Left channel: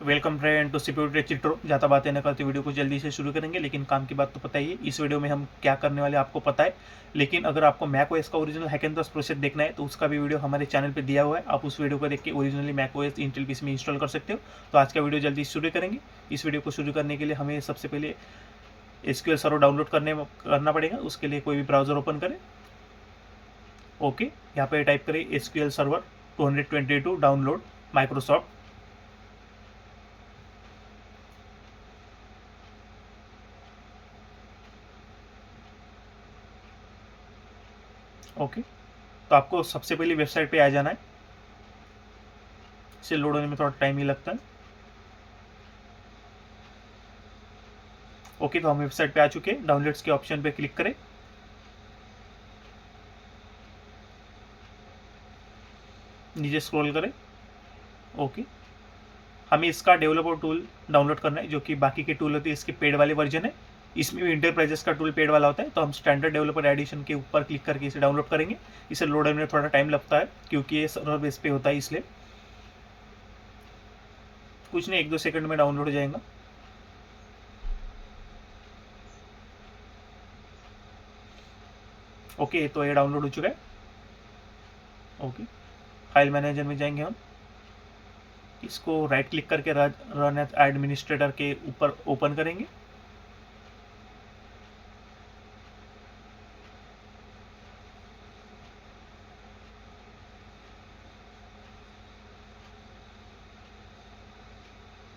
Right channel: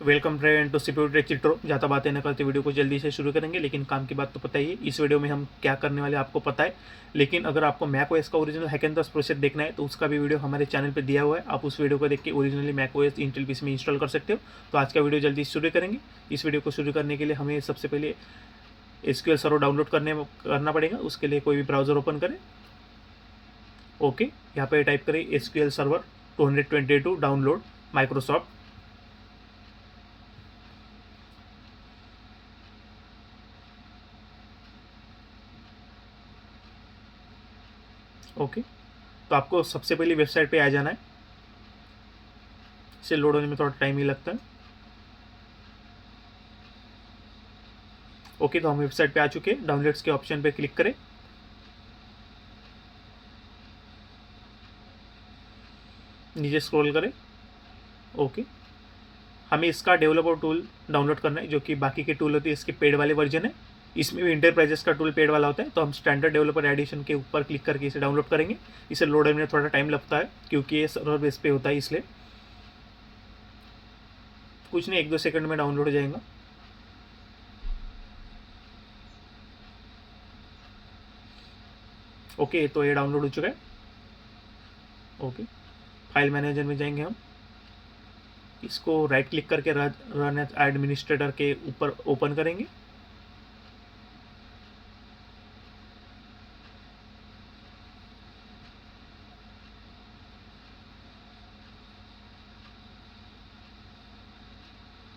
Welcome friend to security चिट्रो। जाता बातें न करते वीडियो को जल्दी से शुरू करेंगे, लेकिन काम की बात तो पता ही है। इस वीडियो में हम क्या करने वाले आपको पता है, लेकिन अगर आपको मैक ओएस का ओरिजिनल हैकेंटस प्रोसेस देखना है तो उसका भी वीडियो हमारे चैनल पे दिया हुआ है। आप उस वीडियो को देख के originally Mac OS Intel PC में इंस्टॉल कर सकते हो। तो आज का वीडियो जल्दी शुरू करेंगे। इस वीडियो को शुरू करने के लिए हमें सबसे पहले एसक्यूएल सर्वर डाउनलोड करना पड़ेगा। उसके लिए कोई भी ब्राउजर ओपन करें। ओके, यहाँ पे टाइप करें SQL server 222 download Microsoft. Okay, तो आपको सबसे पहले वेबसाइट पे आ जाना है। इसे लोड होने में थोड़ा टाइम ही लगता है। ओके, तो हम वेबसाइट पे आ चुके हैं। डाउनलोड्स के ऑप्शन पे क्लिक करें। नीचे स्क्रॉल करें। ओके, हमें इसका डेवलपर टूल डाउनलोड करना है, जो कि बाकी के टूल होते हैं इसके पेड वाले वर्जन है। इसमें भी इंटरप्राइजेस का टूल पेड वाला होता है। तो हम स्टैंडर्ड डेवलपर एडिशन के ऊपर क्लिक करके इसे डाउनलोड करेंगे। इसे लोड होने में थोड़ा टाइम लगता है क्योंकि ये सर्वर बेस पे होता है, इसलिए कुछ नहीं, 1-2 सेकंड में डाउनलोड हो जाएगा। ओके, तो ये डाउनलोड हो चुका है। ओके, फाइल मैनेजर में जाएंगे हम। इसको राइट क्लिक करके रन एज एडमिनिस्ट्रेटर के ऊपर ओपन करेंगे।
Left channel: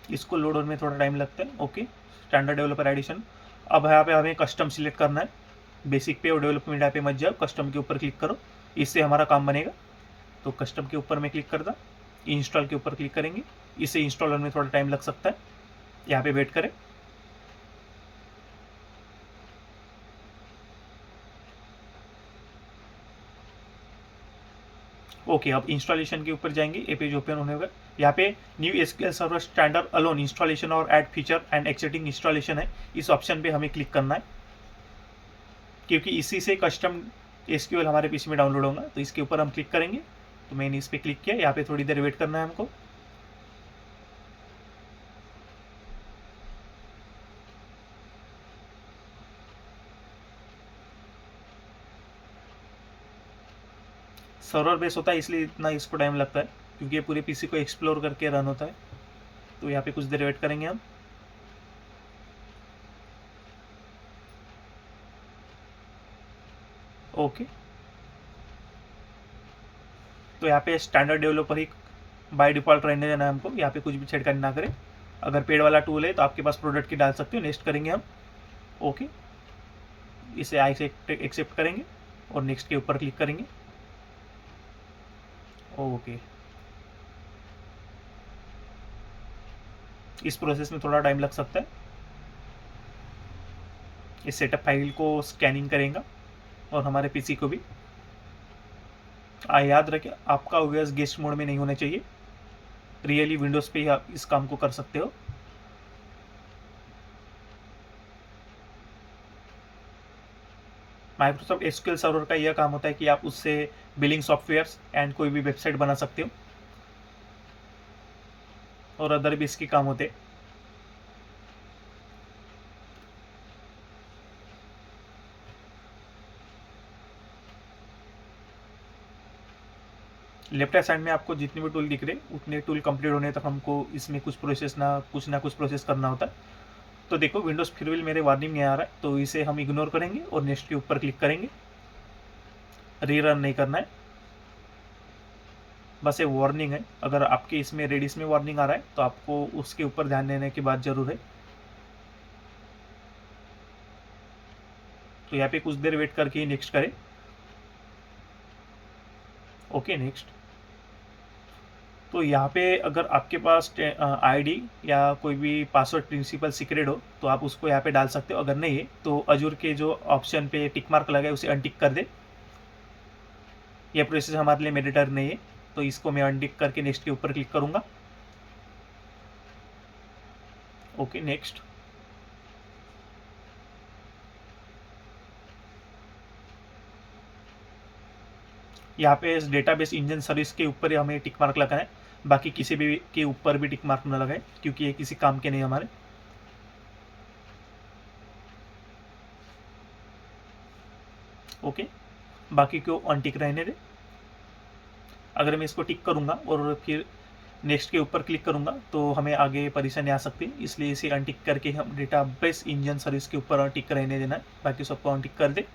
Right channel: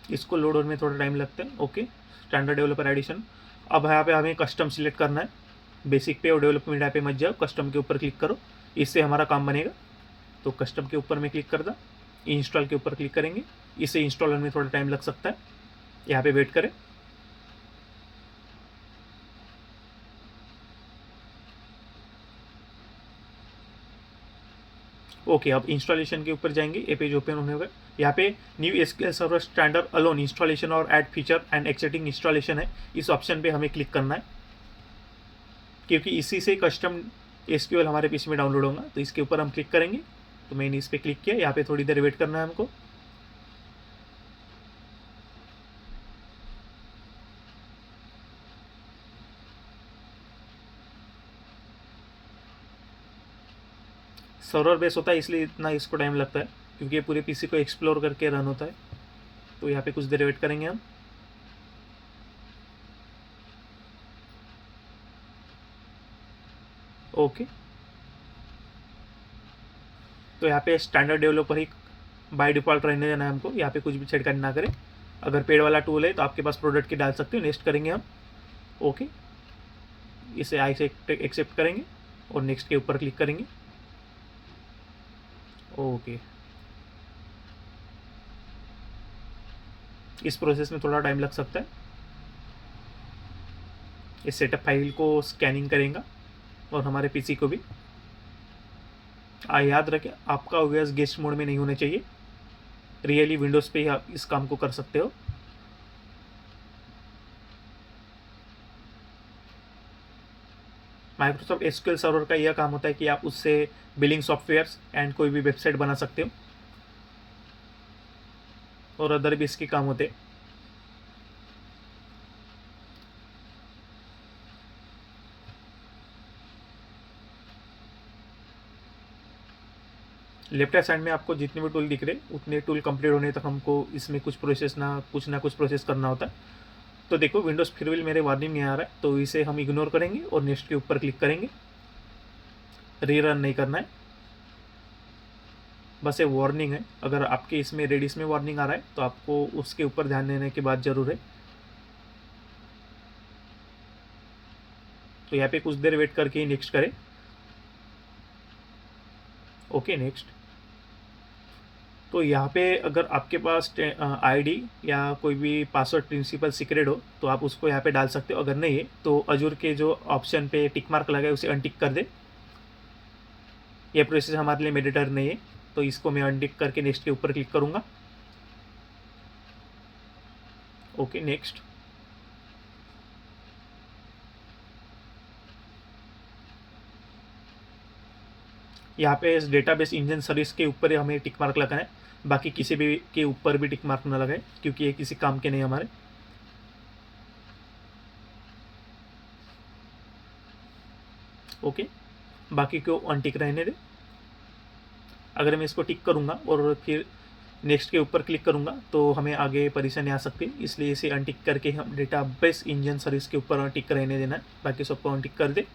इसको लोड होने में थोड़ा टाइम लगता है। Okay, standard developer edition. अब यहाँ पे हमें कस्टम सिलेक्ट करना है। बेसिक पे और डेवलपमेंट यहाँ पे मत जाओ, कस्टम के ऊपर क्लिक करो, इससे हमारा काम बनेगा। तो कस्टम के ऊपर मैं क्लिक करता, इंस्टॉल के ऊपर क्लिक करेंगे। इसे इंस्टॉल होने में थोड़ा टाइम लग सकता है, यहाँ पे वेट करें। ओके, अब इंस्टॉलेशन के ऊपर जाएंगे। ये पेज ओपन होने होगा। यहाँ पे new SQL server standard alone installation और ऐड फीचर एंड एक्सेटिंग इंस्टॉलेशन है, इस ऑप्शन पे हमें क्लिक करना है, क्योंकि इसी से कस्टम एसक्यूएल हमारे पीसी में डाउनलोड होगा। तो इसके ऊपर हम क्लिक करेंगे। तो मैंने इस पर क्लिक किया। यहाँ पे थोड़ी देर वेट करना है हमको। सर्वर बेस होता है इसलिए इतना इसको टाइम लगता है, क्योंकि ये पूरे पीसी को एक्सप्लोर करके रन होता है। तो यहाँ पे कुछ देर वेट करेंगे हम। ओके, तो यहाँ पे standard developer he by default रहने देना है हमको। यहाँ पे कुछ भी छेड़खानी ना करें। अगर पेड वाला टूल है तो आपके पास प्रोडक्ट की डाल सकते हो। नेक्स्ट करेंगे हम। ओके, इसे आई से एक्सेप्ट करेंगे और नेक्स्ट के ऊपर क्लिक करेंगे। ओके, इस प्रोसेस में थोड़ा टाइम लग सकता है। इस सेटअप फाइल को स्कैनिंग करेगा और हमारे पीसी को भी। याद रखें, आपका ओएस गेस्ट मोड में नहीं होना चाहिए। रियली विंडोज़ पे ही आप इस काम को कर सकते हो। माइक्रोसॉफ्ट एसक्यूएल सर्वर का यह काम होता है कि आप उससे बिलिंग सॉफ्टवेयर्स एंड कोई भी वेबसाइट बना सकते हो, और अदर भी इसके काम होते हैं। लेफ्ट हैंड साइड में आपको जितने भी टूल दिख रहे उतने टूल कंप्लीट होने तक हमको इसमें कुछ ना कुछ प्रोसेस करना होता है। तो देखो, विंडोज़ फिर भी मेरे वार्निंग में आ रहा है, तो इसे हम इग्नोर करेंगे और नेक्स्ट के ऊपर क्लिक करेंगे। रीरन नहीं करना है, बस ये वार्निंग है। अगर आपके इसमें रेडिस में वार्निंग आ रहा है तो आपको उसके ऊपर ध्यान देने की बात जरूर है। तो यहाँ पे कुछ देर वेट करके ही नेक्स्ट करें। Okay, next. तो यहाँ पे अगर आपके पास आईडी या कोई भी पासवर्ड प्रिंसिपल सीक्रेट हो तो आप उसको यहाँ पे डाल सकते हो। अगर नहीं है तो अजूर के जो ऑप्शन पे टिक मार्क लगा है उसे अनटिक कर दे। यह प्रोसेस हमारे लिए मैंडेटरी नहीं है, तो इसको मैं अनटिक करके नेक्स्ट के ऊपर क्लिक करूँगा। Okay, next. यहाँ पे इस डेटाबेस इंजन सर्विस के ऊपर ही हमें टिक मार्क लगाना है। बाकी किसी भी के ऊपर भी टिक मार्क न लगाए क्योंकि ये किसी काम के नहीं हमारे। ओके, बाकी को अनटिक रहने दे। अगर मैं इसको टिक करूँगा और फिर नेक्स्ट के ऊपर क्लिक करूँगा तो हमें आगे परेशानी आ सकती है, इसलिए इसे अनटिक करके हम डेटाबेस इंजन सर्विस के ऊपर टिक रहने देना है। बाकी सबको अनटिक कर दे।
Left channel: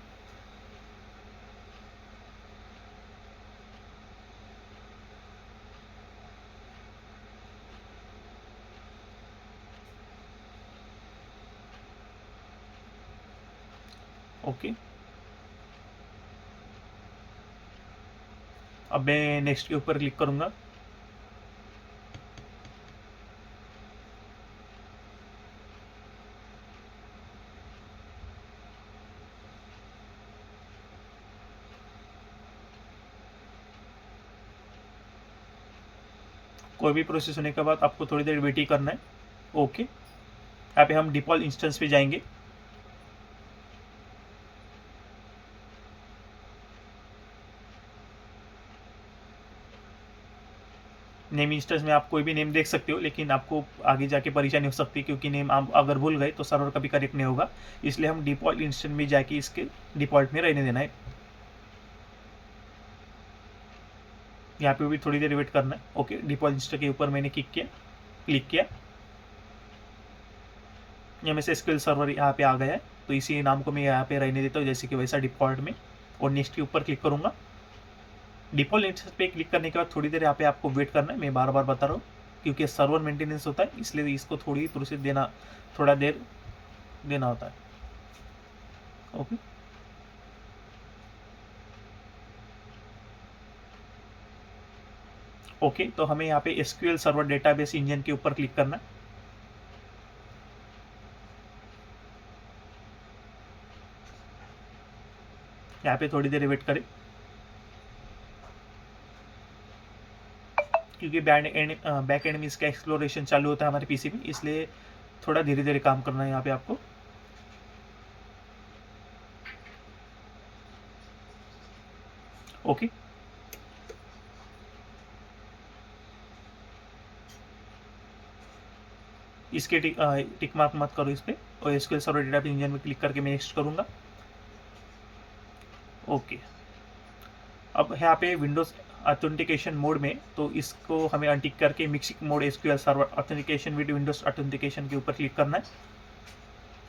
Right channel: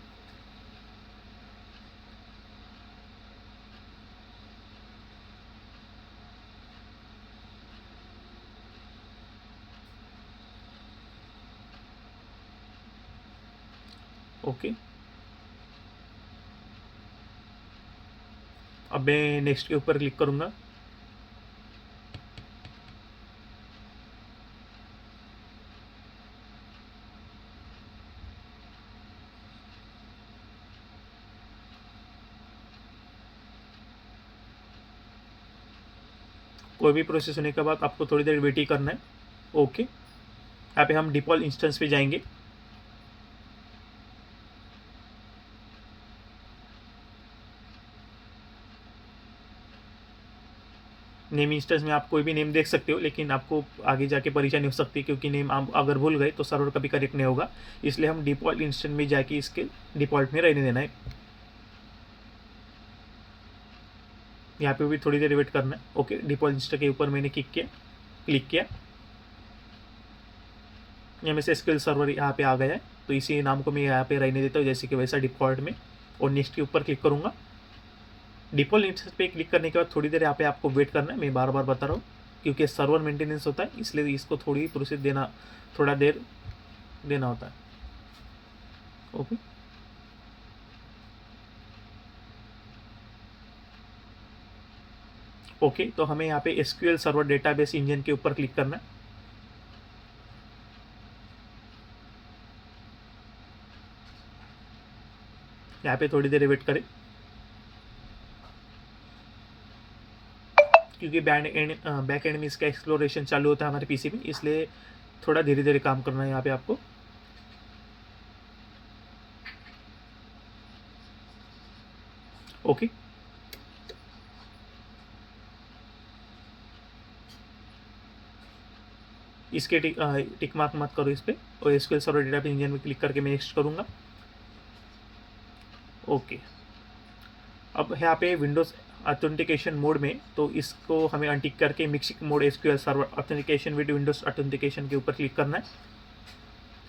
ओके, अब मैं नेक्स्ट के ऊपर क्लिक करूँगा। कोई भी प्रोसेस होने के बाद आपको थोड़ी देर वेट ही करना है। ओके, यहाँ पे हम डिफॉल्ट इंस्टेंस पे जाएंगे। नेम इंस्टेंस में आप कोई भी नेम देख सकते हो, लेकिन आपको आगे जाके परेशानी हो सकती है क्योंकि नेम आप अगर भूल गए तो सर्वर कभी करेक्ट नहीं होगा। इसलिए हम डिफॉल्ट इंस्टेंस में जाके इसके डिफॉल्ट में रहने देना है। यहाँ पे भी थोड़ी देर वेट करना है। ओके, डिफॉल्ट इंस्टेंस के ऊपर मैंने क्लिक किया। यहाँ में से एसक्यूएल सर्वर यहाँ पे आ गया है, तो इसी नाम को मैं यहाँ पे रहने देता हूँ जैसे कि वैसा डिफॉल्ट में, और नेक्स्ट के ऊपर क्लिक करूँगा। डिफॉल्ट इंस्टेंस पे क्लिक करने के बाद थोड़ी देर यहाँ पे आपको वेट करना है। मैं बार बार बता रहा हूँ क्योंकि सर्वर मेंटेनेंस होता है, इसलिए इसको थोड़ी प्रोसेस थोड़ा देर देना होता है। ओके, ओके, तो हमें यहाँ पे एसक्यूएल सर्वर डेटाबेस इंजन के ऊपर क्लिक करना है। यहाँ पे थोड़ी देर वेट करें क्योंकि बैक एंड में इसका एक्सप्लोरेशन चालू होता है हमारे पीसी में, इसलिए थोड़ा धीरे धीरे काम करना है यहाँ पे आपको। ओके, इसके टिक मार्क मत करो इस पे, और एसक्यूएल सर्वर डेटाबेस इंजन में क्लिक करके मैं नेक्स्ट करूँगा। ओके, अब यहाँ पे विंडोज ऑथेंटिकेशन मोड में, तो इसको हमें अनटिक करके mixing mode SQL server authentication with Windows authentication के ऊपर क्लिक करना है।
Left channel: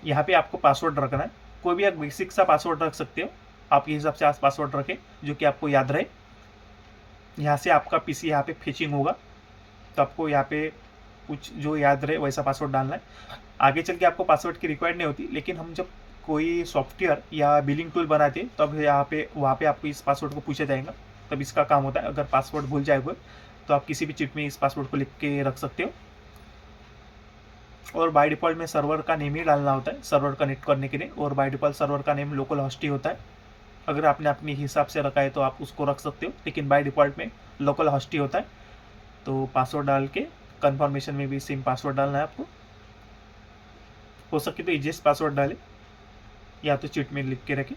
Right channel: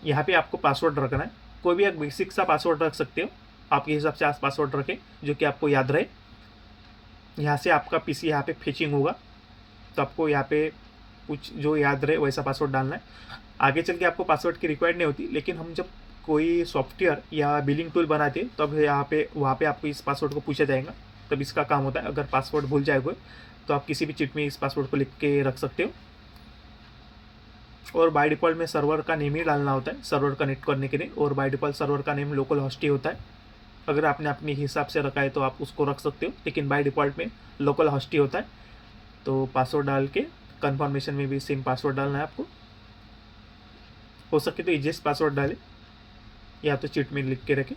यहाँ पे आपको पासवर्ड रखना है। कोई भी आप बेसिक सा पासवर्ड रख सकते हो, आपके हिसाब से आप पासवर्ड रखें जो कि आपको याद रहे। यहाँ से आपका पीसी यहाँ पे फेचिंग होगा, तो आपको यहाँ पे कुछ जो याद रहे वैसा पासवर्ड डालना है। आगे चल के आपको पासवर्ड की रिक्वायर्ड नहीं होती, लेकिन हम जब कोई सॉफ्टवेयर या बिलिंग टूल बनाते हैं तब वहाँ पे आपको इस पासवर्ड को पूछा जाएगा, तब इसका काम होता है। अगर पासवर्ड भूल जाएगा तो आप किसी भी चिप में इस पासवर्ड को लिख के रख सकते हो। और बाय डिफ़ॉल्ट में सर्वर का नेम ही डालना होता है सर्वर कनेक्ट करने के लिए, और बाय डिफ़ॉल्ट सर्वर का नेम लोकल होस्ट ही होता है। अगर आपने अपने हिसाब से रखा है तो आप उसको रख सकते हो, लेकिन बाय डिफ़ॉल्ट में लोकल होस्ट ही होता है। तो पासवर्ड डाल के कन्फर्मेशन में भी सेम पासवर्ड डालना है आपको। हो सके तो इजीएस्ट पासवर्ड डालें या तो चिट में लिख के रखें।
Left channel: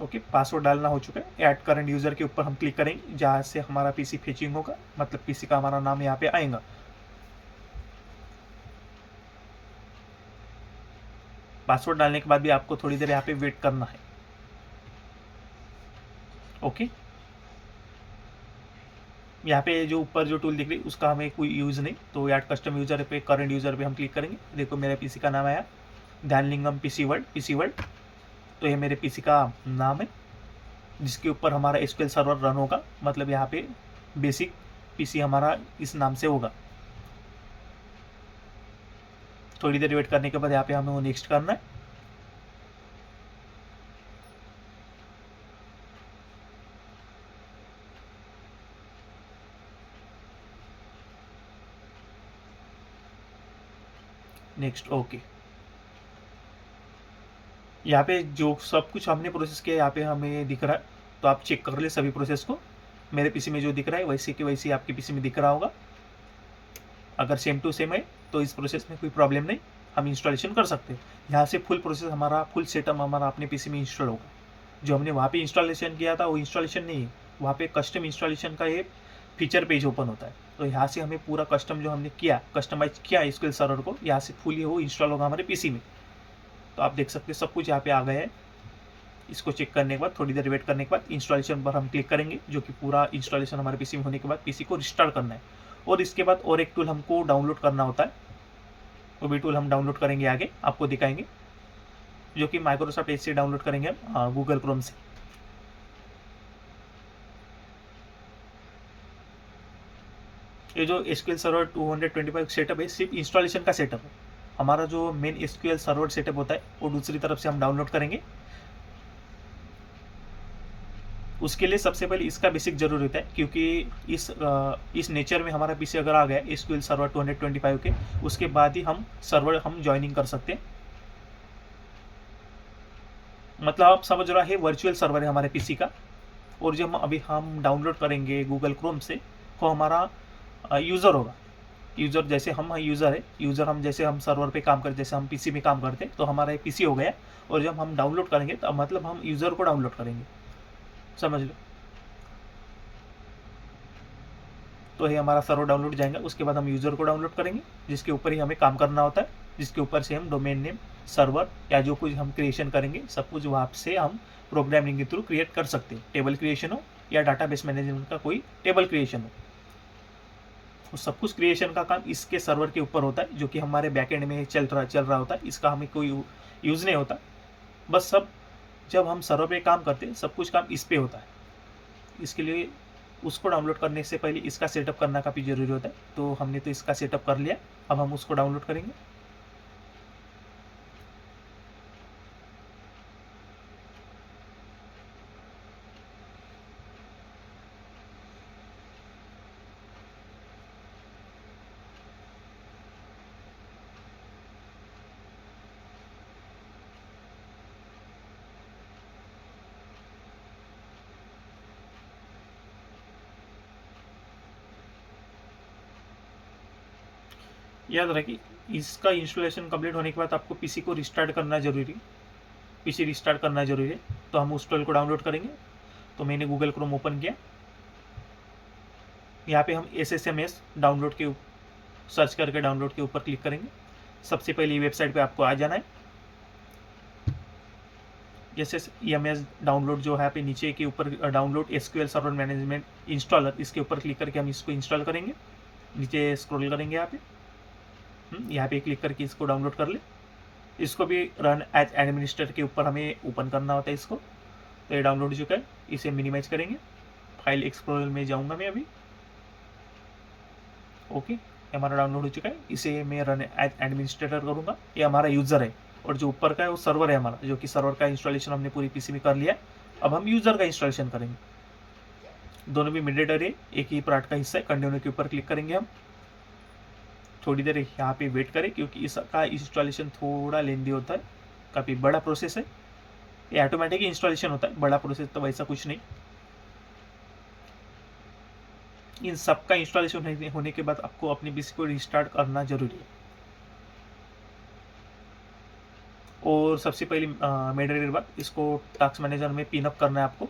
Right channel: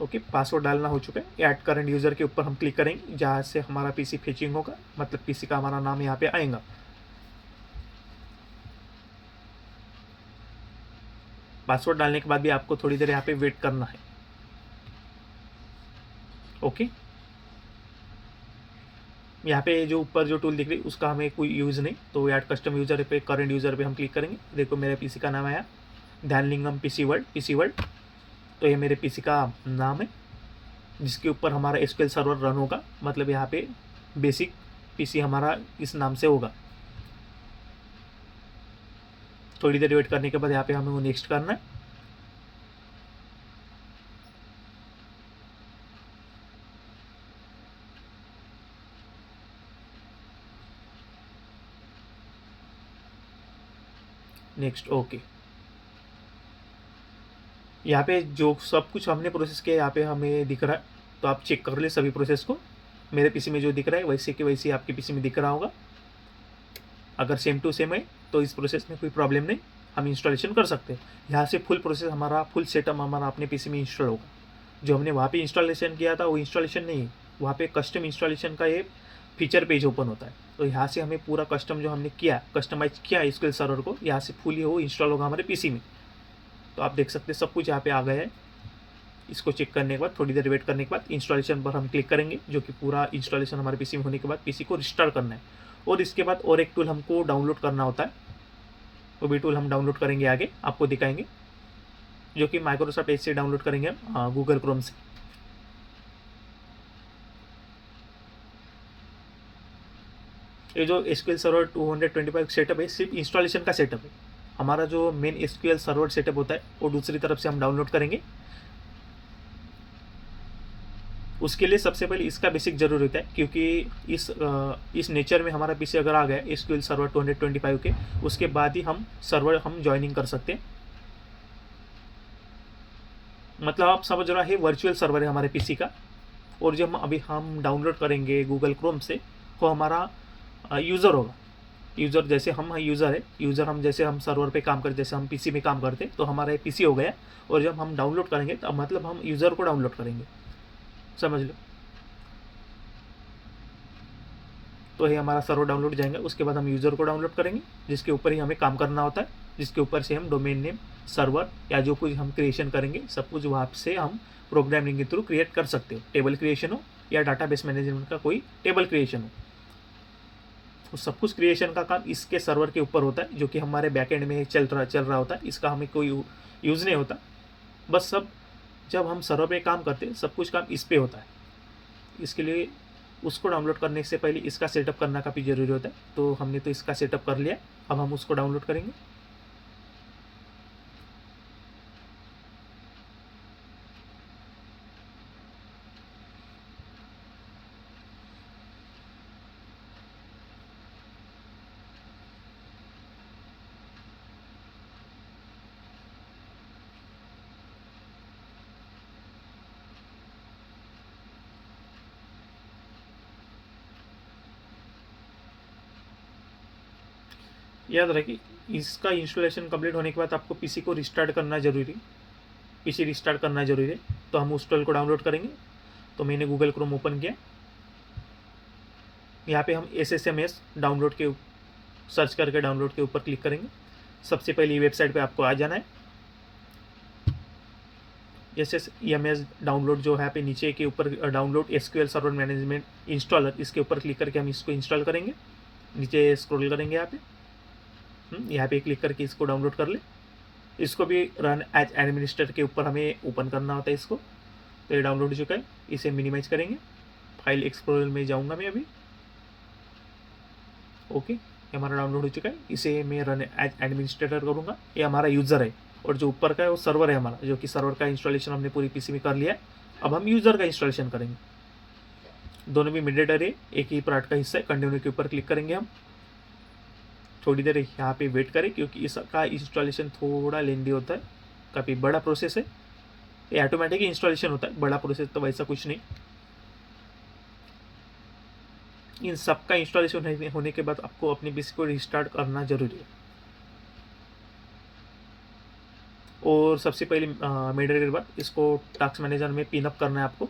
ओके, पासवर्ड डालना हो चुका है। ऐड करंट यूज़र के ऊपर हम क्लिक करेंगे जहाँ से हमारा पीसी फेचिंग होगा, मतलब पीसी का हमारा नाम यहाँ पे आएगा। पासवर्ड डालने के बाद भी आपको थोड़ी देर यहाँ पे वेट करना है। ओके, यहाँ पे जो ऊपर जो टूल दिख रही है उसका हमें कोई यूज़ नहीं, तो ऐड कस्टम यूज़र पे करंट यूज़र पे हम क्लिक करेंगे। देखो मेरे पीसी का नाम आया ध्यानलिंगम पीसी वर्ल्ड। तो ये मेरे पीसी का नाम है जिसके ऊपर हमारा एसक्यूएल सर्वर रन होगा, मतलब यहाँ पे बेसिक पीसी हमारा इस नाम से होगा। थोड़ी देर वेट करने के बाद यहाँ पे हमें वो नेक्स्ट करना है। नेक्स्ट। ओके, यहाँ पे जो सब कुछ हमने प्रोसेस किया यहाँ पे हमें दिख रहा है, तो आप चेक कर ले सभी प्रोसेस को। मेरे पीसी में जो दिख रहा है वैसे कि वैसे आपके पीसी में दिख रहा होगा। अगर सेम टू सेम है तो इस प्रोसेस में कोई प्रॉब्लम नहीं, हम इंस्टॉलेशन कर सकते हैं। यहाँ से फुल प्रोसेस हमारा फुल सेटअप हमारा अपने पीसी में इंस्टॉल होगा। जो हमने वहाँ पे इंस्टॉलेशन किया था वो इंस्टॉलेशन नहीं है, वहाँ पे कस्टम इंस्टॉलेशन का ये फीचर पेज ओपन होता है। तो यहाँ से हमें पूरा कस्टम जो हमने किया, कस्टमाइज किया एसक्यूएल सर्वर को, यहाँ से फुली वो इंस्टॉल होगा हमारे पीसी में। तो आप देख सकते हैं सब कुछ यहाँ पे आ गया है। इसको चेक करने के बाद, थोड़ी देर वेट करने के बाद इंस्टॉलेशन पर हम क्लिक करेंगे, जो कि पूरा इंस्टॉलेशन हमारे पीसी में होने के बाद पीसी को रिस्टार्ट करना है। और इसके बाद और एक टूल हमको डाउनलोड करना होता है, वो भी टूल हम डाउनलोड करेंगे, आगे आपको दिखाएंगे, जो कि माइक्रोसॉफ्ट एज से डाउनलोड करेंगे हम गूगल क्रोम से। ये जो एसक्यूएल सर्वर 225 सेटअप है सिर्फ इंस्टॉलेशन का सेटअप है। हमारा जो मेन एसक्यूएल सर्वर सेटअप होता है वो दूसरी तरफ से हम डाउनलोड करेंगे। उसके लिए सबसे पहले इसका बेसिक जरूरी होता है, क्योंकि इस नेचर में हमारा पीसी अगर आ गया एसक्यूएल सर्वर 225 के, उसके बाद ही हम सर्वर हम ज्वाइनिंग कर सकते हैं। मतलब आप समझ रहा है वर्चुअल सर्वर है हमारे पीसी का। और जो हम डाउनलोड करेंगे गूगल क्रोम से, वो हमारा यूज़र होगा। यूज़र जैसे हम यूज़र है, यूज़र हम जैसे हम सर्वर पे काम करते, जैसे हम पीसी में काम करते, तो हमारा पीसी हो गया। और जब हम डाउनलोड करेंगे तो मतलब हम यूज़र को डाउनलोड करेंगे, समझ लो। तो ये हमारा सर्वर डाउनलोड जाएगा, उसके बाद हम यूज़र को डाउनलोड करेंगे, जिसके ऊपर ही हमें काम करना होता है, जिसके ऊपर से हम डोमेन नेम, सर्वर या जो कुछ हम क्रिएशन करेंगे सब कुछ वहाँ से हम प्रोग्रामिंग के थ्रू क्रिएट कर सकते हो। टेबल क्रिएशन हो या डाटाबेस मैनेजमेंट का कोई टेबल क्रिएशन हो, तो सब कुछ क्रिएशन का काम इसके सर्वर के ऊपर होता है, जो कि हमारे बैकएंड में चल रहा होता है। इसका हमें कोई यूज़ नहीं होता। बस सब जब हम सर्वर पे काम करते हैं सब कुछ काम इस पे होता है। इसके लिए उसको डाउनलोड करने से पहले इसका सेटअप करना काफ़ी ज़रूरी होता है। तो हमने तो इसका सेटअप कर लिया, अब हम उसको डाउनलोड करेंगे। याद रखिए, इसका इंस्टॉलेशन कंप्लीट होने के बाद आपको पीसी को रिस्टार्ट करना जरूरी है। पीसी रिस्टार्ट करना जरूरी है। तो हम उस टूल को डाउनलोड करेंगे। तो मैंने गूगल क्रोम ओपन किया, यहाँ पे हम SSMS डाउनलोड के सर्च करके डाउनलोड के ऊपर क्लिक करेंगे। सबसे पहले वेबसाइट पे आपको आ जाना है। SSMS डाउनलोड जो है यहाँ पे नीचे के ऊपर download SQL server management installer, इसके ऊपर क्लिक करके हम इसको इंस्टॉल करेंगे। नीचे स्क्रॉल करेंगे यहाँ पे क्लिक करके इसको डाउनलोड कर ले। इसको भी रन एज एडमिनिस्ट्रेटर के ऊपर हमें ओपन करना होता है इसको। तो ये डाउनलोड हो चुका है, इसे मिनिमाइज करेंगे। फाइल एक्सप्लोरर में जाऊंगा मैं अभी। ओके, ये हमारा डाउनलोड हो चुका है, इसे मैं रन एज एडमिनिस्ट्रेटर करूँगा। ये हमारा यूज़र है और जो ऊपर का है वो सर्वर है हमारा, जो कि सर्वर का इंस्टॉलेशन हमने पूरी पीसी में कर लिया। अब हम यूज़र का इंस्टॉलेशन करेंगे। दोनों भी मिडरेटर है, एक ही पार्ट का हिस्सा है। कंटिन्यू के ऊपर क्लिक करेंगे हम। थोड़ी देर यहाँ पे वेट करें, क्योंकि इसका इंस्टॉलेशन थोड़ा लेंदी होता है, काफ़ी बड़ा प्रोसेस है। ये ऑटोमेटिक इंस्टॉलेशन होता है, बड़ा प्रोसेस तो वैसा कुछ नहीं। इन सब का इंस्टॉलेशन होने के बाद आपको अपने पीसी को रिस्टार्ट करना जरूरी है। और सबसे पहले मेडरेटर बाद इसको टास्क मैनेजर में पिनअप करना है आपको।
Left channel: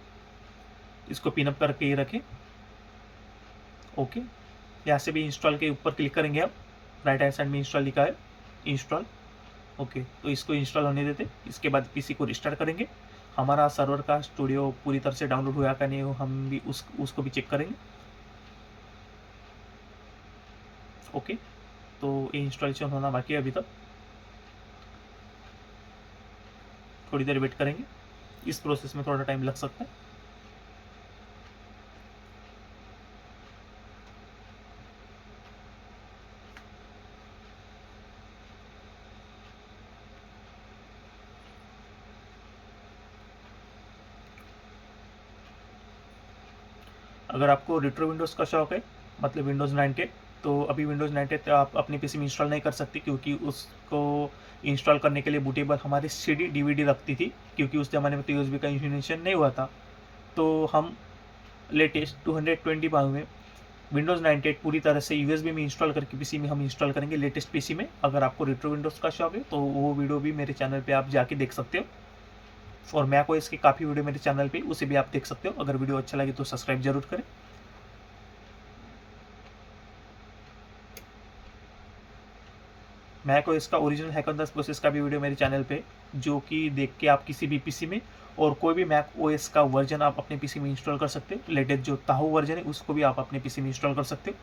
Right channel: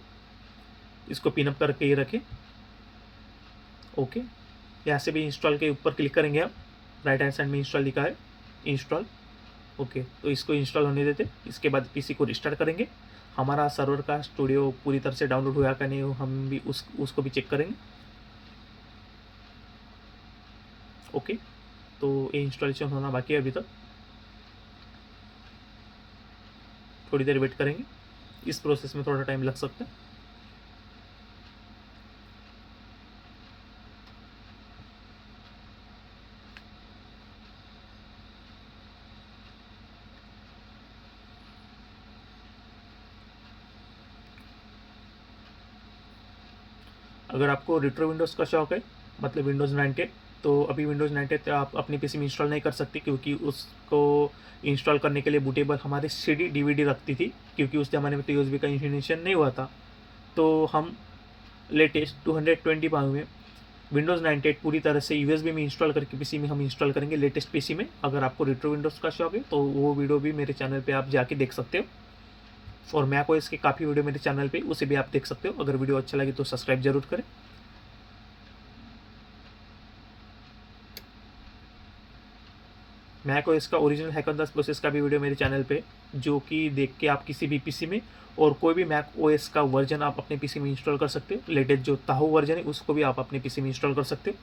इसको पिनअप करके ये रखें। ओके, यहाँ से भी इंस्टॉल के ऊपर क्लिक करेंगे हम। राइट हैंड साइड में इंस्टॉल लिखा है, इंस्टॉल। ओके, तो इसको इंस्टॉल होने देते। इसके बाद पीसी को रिस्टार्ट करेंगे। हमारा सर्वर का स्टूडियो पूरी तरह से डाउनलोड हुआ का नहीं, हम भी उसको भी चेक करेंगे। ओके, तो ये इंस्टॉलेशन होना बाकी है अभी तक। थोड़ी देर वेट करेंगे, इस प्रोसेस में थोड़ा टाइम लग सकता है। अगर आपको रेट्रो विंडोज़ का शौक है, मतलब विंडोज़ 98, तो अभी विंडोज़ 98 आप अपने पीसी में इंस्टॉल नहीं कर सकते, क्योंकि उसको इंस्टॉल करने के लिए बूटेबल हमारे CD DVD रखती थी, क्योंकि उस ज़माने में तो USB का इंस्टॉलेशन नहीं हुआ था। तो हम लेटेस्ट 225 में विंडोज़ 98 पूरी तरह से USB में इंस्टॉल करके पीसी में हम इंस्टॉल करेंगे, लेटेस्ट पीसी में। अगर आपको रेट्रो विंडोज़ का शौक है तो वो वीडियो भी मेरे चैनल पर आप जाके देख सकते हो। और मैक ओएस के काफ़ी वीडियो मेरे चैनल पे, उसे भी आप देख सकते हो। अगर वीडियो अच्छा लगे तो सब्सक्राइब जरूर करें। मैक ओएस का original hack on the process का भी वीडियो मेरे चैनल पे, जो कि देख के आप किसी भी पीसी में और कोई भी मैक ओएस का वर्जन आप अपने पीसी में इंस्टॉल कर सकते हो। लेटेस्ट जो ताहू वर्जन है उसको भी आप अपने पीसी में इंस्टॉल कर सकते हो।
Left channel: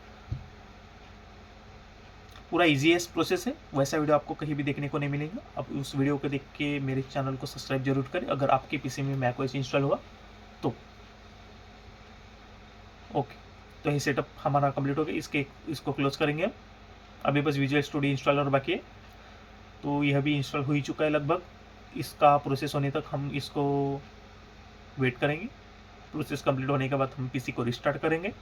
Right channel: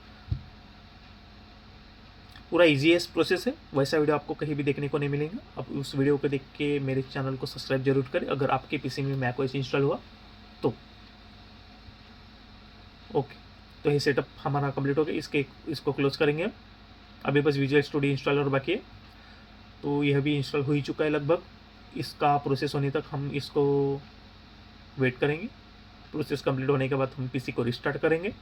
पूरा ईजीएस्ट प्रोसेस है, वैसा वीडियो आपको कहीं भी देखने को नहीं मिलेगा। अब उस वीडियो को देख के मेरे चैनल को सब्सक्राइब जरूर करें अगर आपके पीसी में मैक ओएस इंस्टॉल हुआ तो। ओके, तो ये सेटअप हमारा कंप्लीट हो गया। इसको क्लोज करेंगे हम। अभी बस विजुअल स्टूडियो इंस्टॉल और बाकी है, तो यह भी इंस्टॉल हो ही चुका है लगभग। इसका प्रोसेस होने तक हम इसको वेट करेंगे। प्रोसेस कंप्लीट होने के बाद हम पीसी को रिस्टार्ट करेंगे।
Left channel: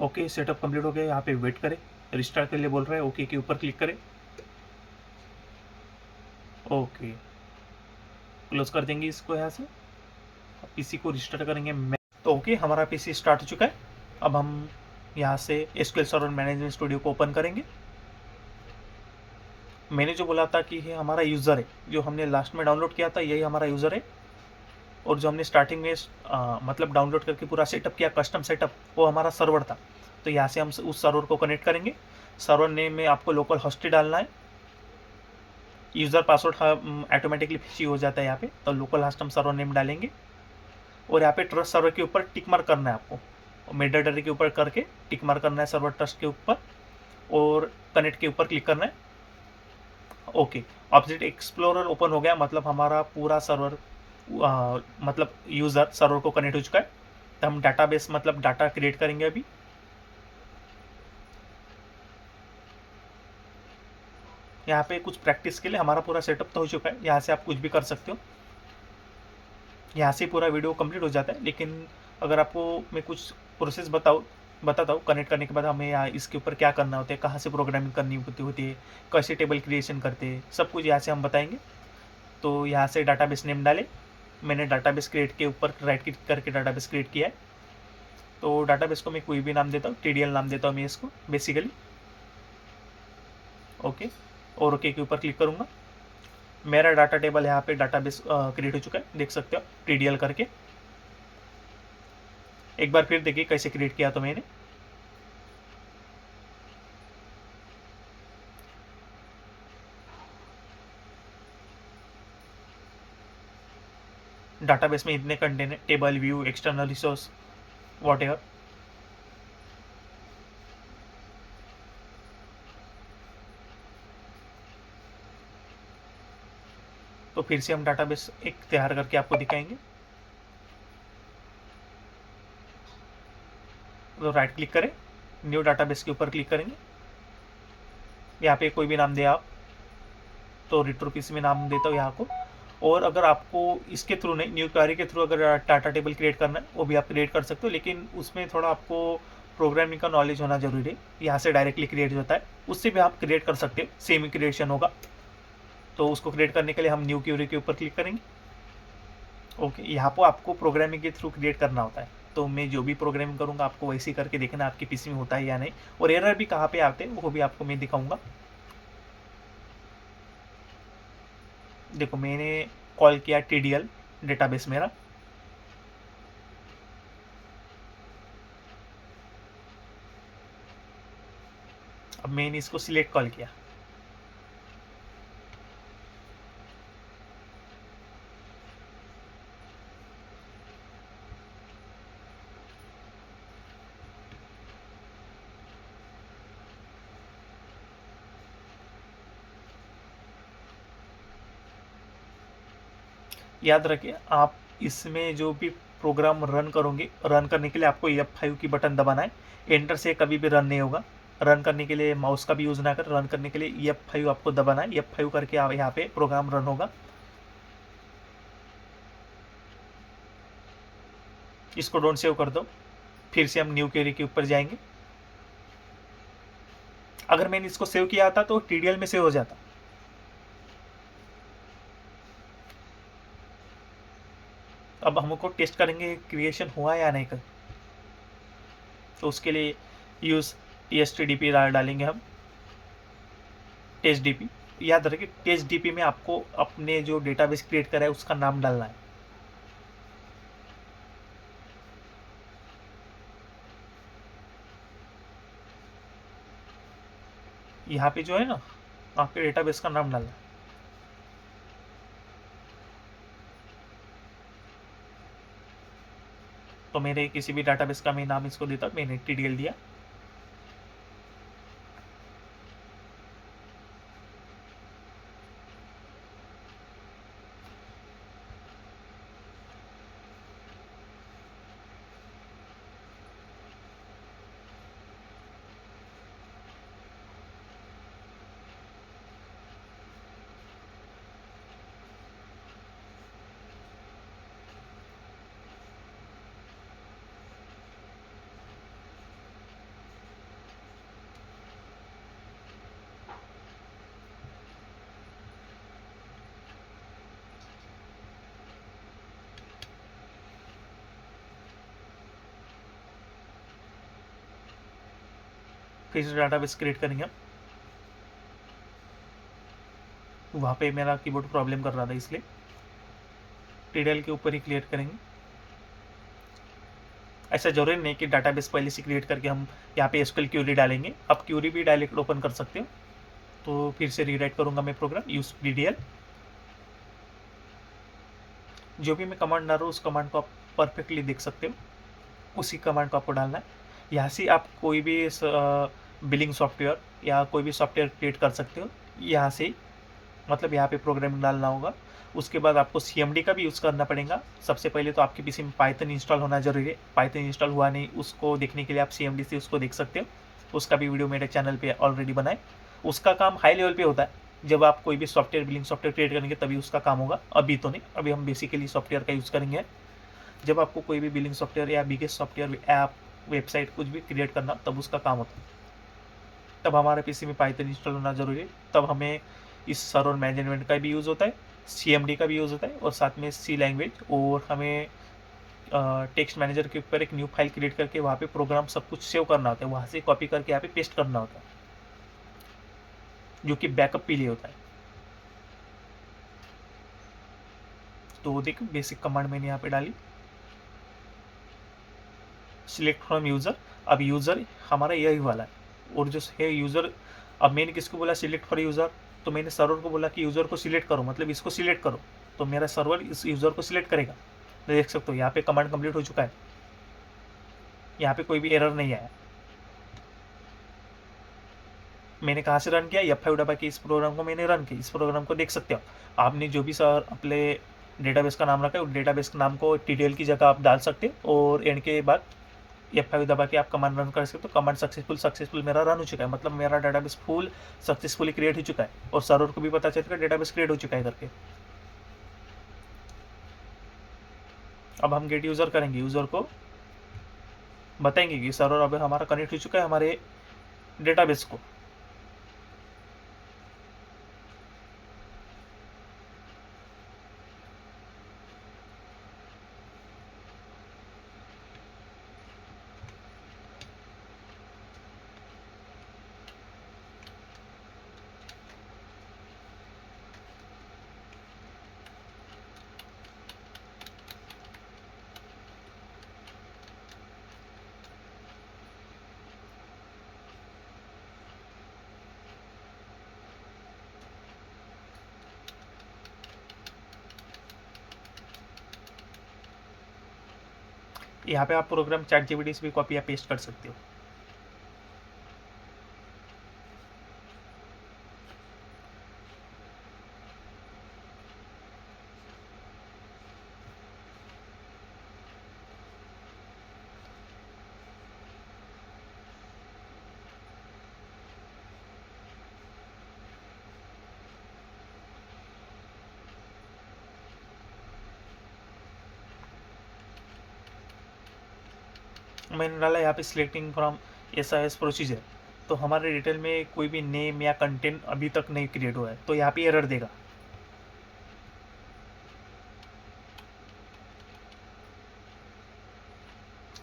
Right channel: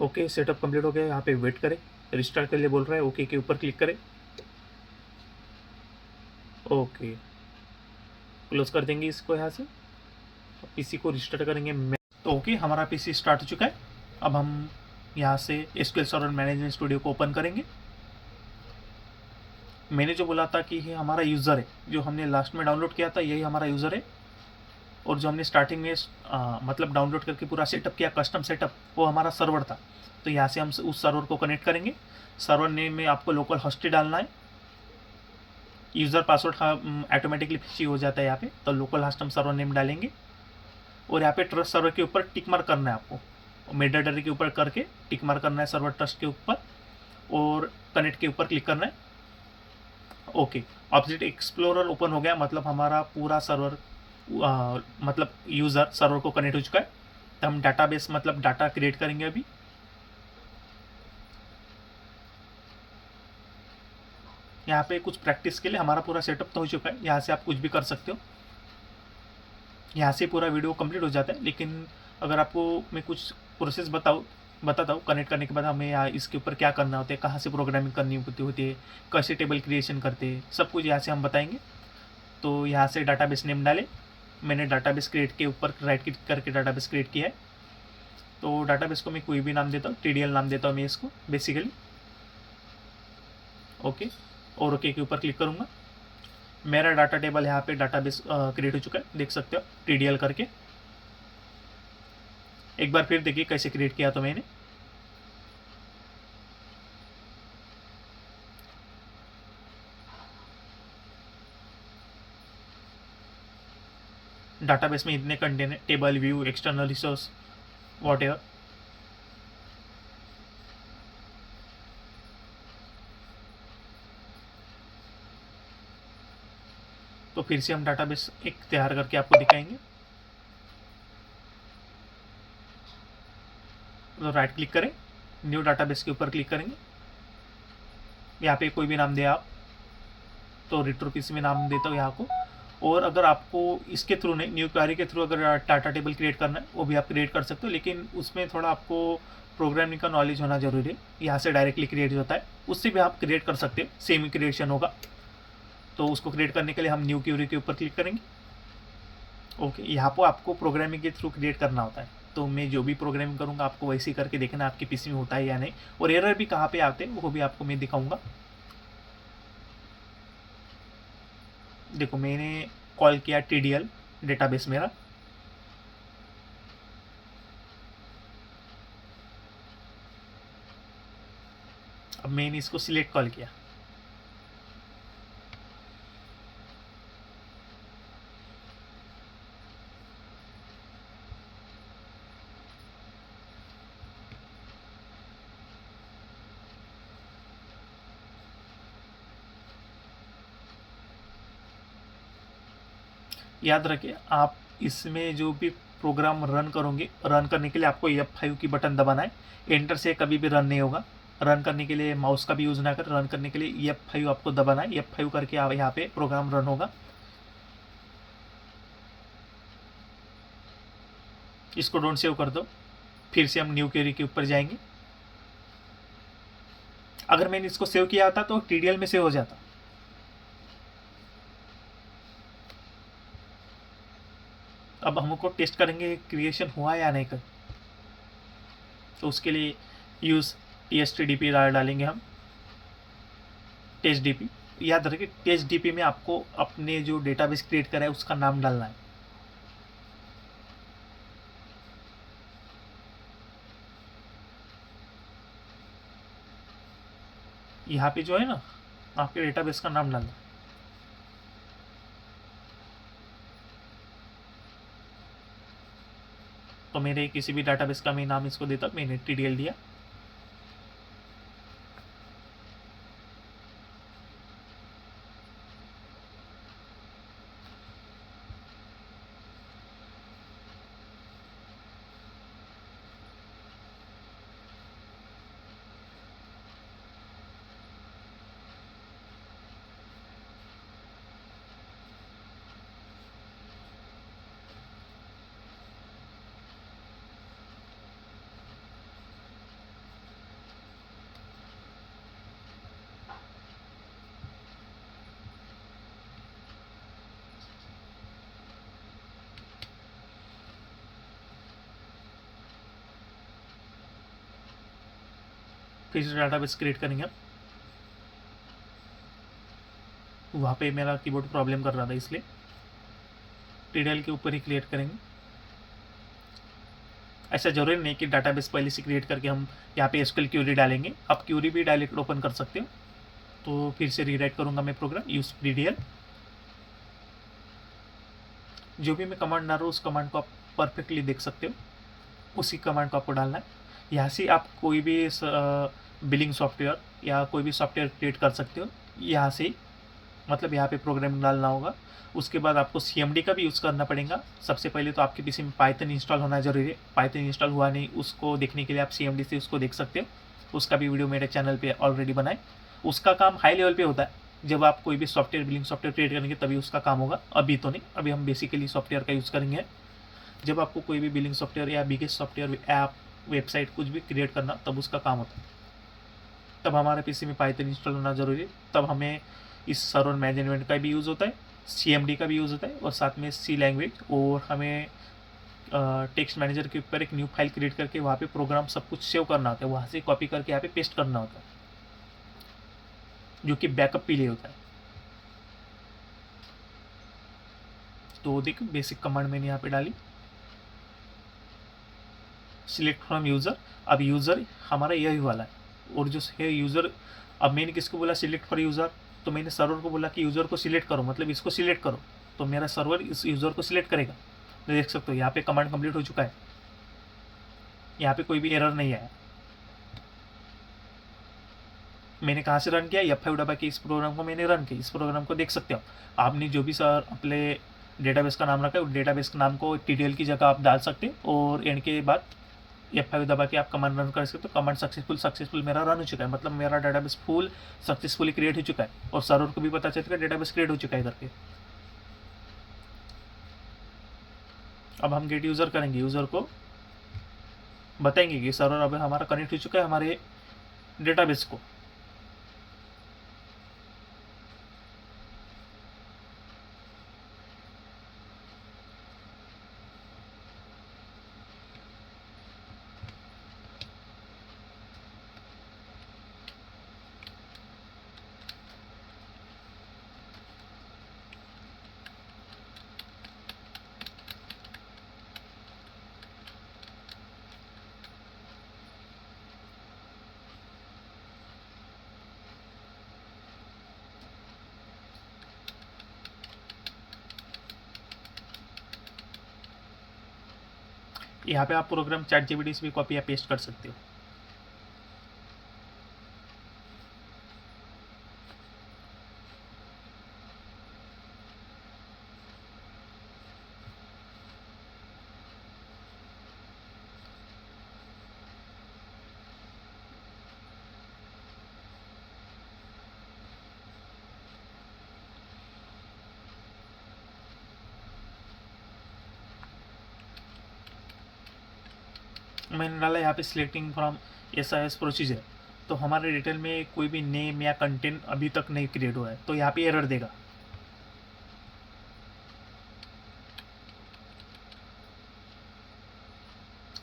ओके, सेटअप कंप्लीट हो गया। यहाँ पे वेट करें, रिस्टार्ट के लिए बोल रहा है। ओके के ऊपर क्लिक करें। ओके, क्लोज कर देंगे इसको यहाँ से। पीसी को रिस्टार्ट करेंगे। तो ओके, हमारा पीसी स्टार्ट हो चुका है। अब हम यहाँ से एसक्यूएल सर्वर मैनेजमेंट स्टूडियो को ओपन करेंगे। मैंने जो बोला था कि ये हमारा यूज़र है, जो हमने लास्ट में डाउनलोड किया था यही हमारा यूज़र है। और जो हमने स्टार्टिंग में मतलब डाउनलोड करके पूरा सेटअप किया, कस्टम सेटअप, वो हमारा सर्वर था। तो यहाँ से हम उस सर्वर को कनेक्ट करेंगे। सर्वर नेम में आपको लोकल होस्ट ही डालना है। यूज़र पासवर्ड ऑटोमेटिकली फिक्स हो जाता है यहाँ पे, तो लोकल होस्ट हम सर्वर नेम डालेंगे। और यहाँ पे ट्रस्ट सर्वर के ऊपर टिक मार्क करना है आपको। मेटाडेटा के ऊपर करके टिक मार्क करना है सर्वर ट्रस्ट के ऊपर, और कनेक्ट के ऊपर क्लिक करना है। ओके, ऑब्जेक्ट एक्सप्लोरर ओपन हो गया, मतलब हमारा पूरा सर्वर मतलब यूज़र सर्वर को कनेक्ट हो चुका है। तो हम डाटाबेस मतलब डाटा क्रिएट करेंगे अभी। यहाँ पे कुछ प्रैक्टिस के लिए हमारा पूरा सेटअप तो हो चुका है। यहाँ से आप कुछ भी कर सकते हो। यहाँ से पूरा वीडियो कंप्लीट हो जाता है। लेकिन अगर आपको मैं कुछ प्रोसेस बताता हूँ कनेक्ट करने के बाद हमें यहाँ इसके ऊपर क्या करना होता है, कहाँ से प्रोग्रामिंग करनी होती है, कैसे टेबल क्रिएशन करते हैं, सब कुछ यहाँ से हम बताएंगे। तो यहाँ से डाटाबेस नेम डालें। मैंने डाटाबेस क्रिएट के ऊपर राइट क्लिक करके डाटाबेस क्रिएट किया है। तो डाटाबेस को मैं कोई भी नाम देता हूँ, TDL नाम देता हूँ मैं इसको बेसिकली। ओके, और ओके के ऊपर क्लिक करूँगा। मेरा डाटा टेबल यहाँ पे डाटाबेस क्रिएट हो चुका है, देख सकते हो TDL करके। एक बार फिर देखिए कैसे क्रिएट किया तो मैंने। डाटाबेस में इतने कंटेंट है, table, view, external resource, what. तो फिर से हम डाटाबेस एक तैयार करके आपको दिखाएंगे। तो राइट क्लिक करें, न्यू डाटाबेस के ऊपर क्लिक करेंगे। यहाँ पे कोई भी नाम दे आप, तो रिट्रो पीसी में नाम देता हूँ यहाँ को। और अगर आपको इसके थ्रू नहीं, न्यू क्वेरी के थ्रू अगर डाटा टेबल क्रिएट करना है वो भी आप क्रिएट कर सकते हो, लेकिन उसमें थोड़ा आपको प्रोग्रामिंग का नॉलेज होना जरूरी है। यहाँ से डायरेक्टली क्रिएट होता है, उससे भी आप क्रिएट कर सकते हो, सेम ही क्रिएशन होगा। तो उसको क्रिएट करने के लिए हम न्यू क्वेरी के ऊपर क्लिक करेंगे। ओके, यहाँ पर आपको प्रोग्रामिंग के थ्रू क्रिएट करना होता है। तो मैं जो भी प्रोग्रामिंग करूँगा आपको वैसे ही करके देखना आपकी पीसी में होता है या नहीं, और एरर भी कहाँ पे आते हैं वो भी आपको मैं दिखाऊंगा। देखो मैंने कॉल किया TDL डेटाबेस मेरा। अब मैंने इसको सिलेक्ट कॉल किया। याद रखिए, आप इसमें जो भी प्रोग्राम रन करोगे, रन करने के लिए आपको F5 की बटन दबाना है। एंटर से कभी भी रन नहीं होगा। रन करने के लिए माउस का भी यूज़ ना कर, रन करने के लिए F5 आपको दबाना है। F5 करके आप यहाँ पे प्रोग्राम रन होगा। इसको डोंट सेव कर दो। फिर से हम न्यू क्वेरी के ऊपर जाएंगे। अगर मैंने इसको सेव किया था तो TDL में सेव हो जाता। अब हमको टेस्ट करेंगे क्रिएशन हुआ या नहीं कर, तो उसके लिए यूज़ TSTDP डालेंगे हम, TestDP। याद रखिए TestDP में आपको अपने जो डेटाबेस क्रिएट करा है उसका नाम डालना है। यहाँ पे जो है ना, आपके डेटाबेस का नाम डालना है। तो मेरे किसी भी डाटाबेस का मैं नाम इसको देता, मैंने TDL दिया। फिर से डाटाबेस क्रिएट करेंगे हम। वहाँ पे मेरा कीबोर्ड प्रॉब्लम कर रहा था, इसलिए TDL के ऊपर ही क्रिएट करेंगे। ऐसा जरूरी नहीं कि डाटाबेस पहले से क्रिएट करके हम यहाँ पे SQL क्यूरी डालेंगे। आप क्यूरी भी डायरेक्ट ओपन कर सकते हो। तो फिर से रीराइट करूँगा मैं प्रोग्राम, यूज DDL। जो भी मैं कमांड डाल रहा हूँ उस कमांड को आप परफेक्टली देख सकते हो, उसी कमांड को आपको डालना है। यहाँ से आप कोई भी बिलिंग सॉफ्टवेयर या कोई भी सॉफ्टवेयर क्रिएट कर सकते हो यहाँ से, मतलब यहाँ पे प्रोग्राम डालना होगा। उसके बाद आपको CMD का भी यूज़ करना पड़ेगा। सबसे पहले तो आपके PC में पाइथन इंस्टॉल होना जरूरी है। पाइथन इंस्टॉल हुआ नहीं, उसको देखने के लिए आप CMD से उसको देख सकते हो। उसका भी वीडियो मेरे चैनल पे ऑलरेडी बनाए। उसका काम हाई लेवल पे होता है, जब आप कोई भी सॉफ्टवेयर बिलिंग सॉफ्टवेयर क्रिएट करेंगे तभी उसका काम होगा, अभी तो नहीं। अभी हम बेसिकली सॉफ्टवेयर का यूज़ करेंगे। जब आपको कोई भी बिलिंग सॉफ्टवेयर या बिगेस्ट सॉफ्टवेयर ऐप वेबसाइट कुछ भी क्रिएट करना, तब उसका काम होता है। तब हमारे PC में पाइथन इंस्टॉल होना जरूरी है। तब हमें इस सर्वर मैनेजमेंट का भी यूज़ होता है, CMD का भी यूज़ होता है, और साथ में C लैंग्वेज। और हमें टेक्स्ट मैनेजर के ऊपर एक न्यू फाइल क्रिएट करके वहाँ पे प्रोग्राम सब कुछ सेव करना होता है, वहाँ से कॉपी करके यहाँ पे पेस्ट करना होता है, जो कि बैकअप के लिए होता है। तो देखो बेसिक कमांड मैंने यहाँ पे डाली, सिलेक्ट फ्रॉम यूज़र। अब यूज़र हमारा यही वाला है, और जो है यूज़र, अब मैंने किसको बोला सिलेक्ट फॉर यूज़र, तो मैंने सर्वर को बोला कि यूज़र को सिलेक्ट करो, मतलब इसको सिलेक्ट करो। तो मेरा सर्वर इस यूज़र को सिलेक्ट करेगा। तो देख सकते हो यहाँ पे कमांड कंप्लीट हो चुका है, यहाँ पे कोई भी एरर नहीं आया। मैंने कहाँ से रन किया, F5 दबा के इस प्रोग्राम को मैंने रन किया। इस प्रोग्राम को देख सकते हो। आपने जो भी सर अपने डेटाबेस का नाम रखा है, उस डेटाबेस के नाम को TDL की जगह आप डाल सकते हो, और एंड के बाद F5 दबा के आप कमांड रन कर सकते हो। कमांड सक्सेसफुल मेरा रन हो चुका है, मतलब मेरा डेटाबेस फुल सक्सेसफुली क्रिएट हो चुका है, और सर्वर को भी पता चल चुका है डेटाबेस क्रिएट हो चुका है करके। अब हम गेट यूज़र करेंगे, यूज़र को बताएंगे कि सर्वर अब हमारा कनेक्ट हो चुका है हमारे डेटाबेस को। यहाँ पे आप प्रोग्राम ChatGPT से भी कॉपी या पेस्ट कर सकते हो। मैंने डाला यहाँ पे सिलेक्टिंग फ्रॉम SIS प्रोसीजर, तो हमारे डिटेल में कोई भी नेम या कंटेंट अभी तक नहीं क्रिएट हुआ है, तो यहाँ पे एरर देगा।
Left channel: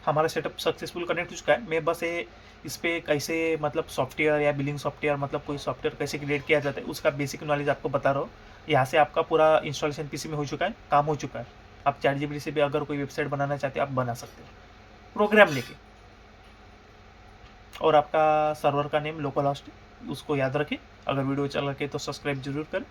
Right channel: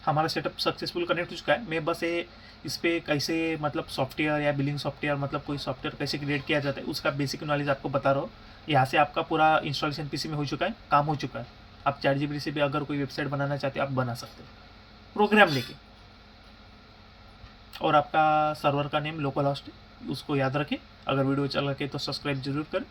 हमारा सेटअप सक्सेसफुल कनेक्ट हो चुका है। मैं बस ये इस पर कैसे मतलब सॉफ्टवेयर या बिलिंग सॉफ्टवेयर मतलब कोई सॉफ्टवेयर कैसे क्रिएट किया जाता है उसका बेसिक नॉलेज आपको बता रहा हूँ। यहाँ से आपका पूरा इंस्टॉलेशन PC में हो चुका है, काम हो चुका है। आप ChatGPT से भी अगर कोई वेबसाइट बनाना चाहते हैं आप बना सकते हैं प्रोग्राम लेके। और आपका सर्वर का नेम लोकल होस्ट है, उसको याद रखें। अगर वीडियो अच्छा लगे तो सब्सक्राइब जरूर करें।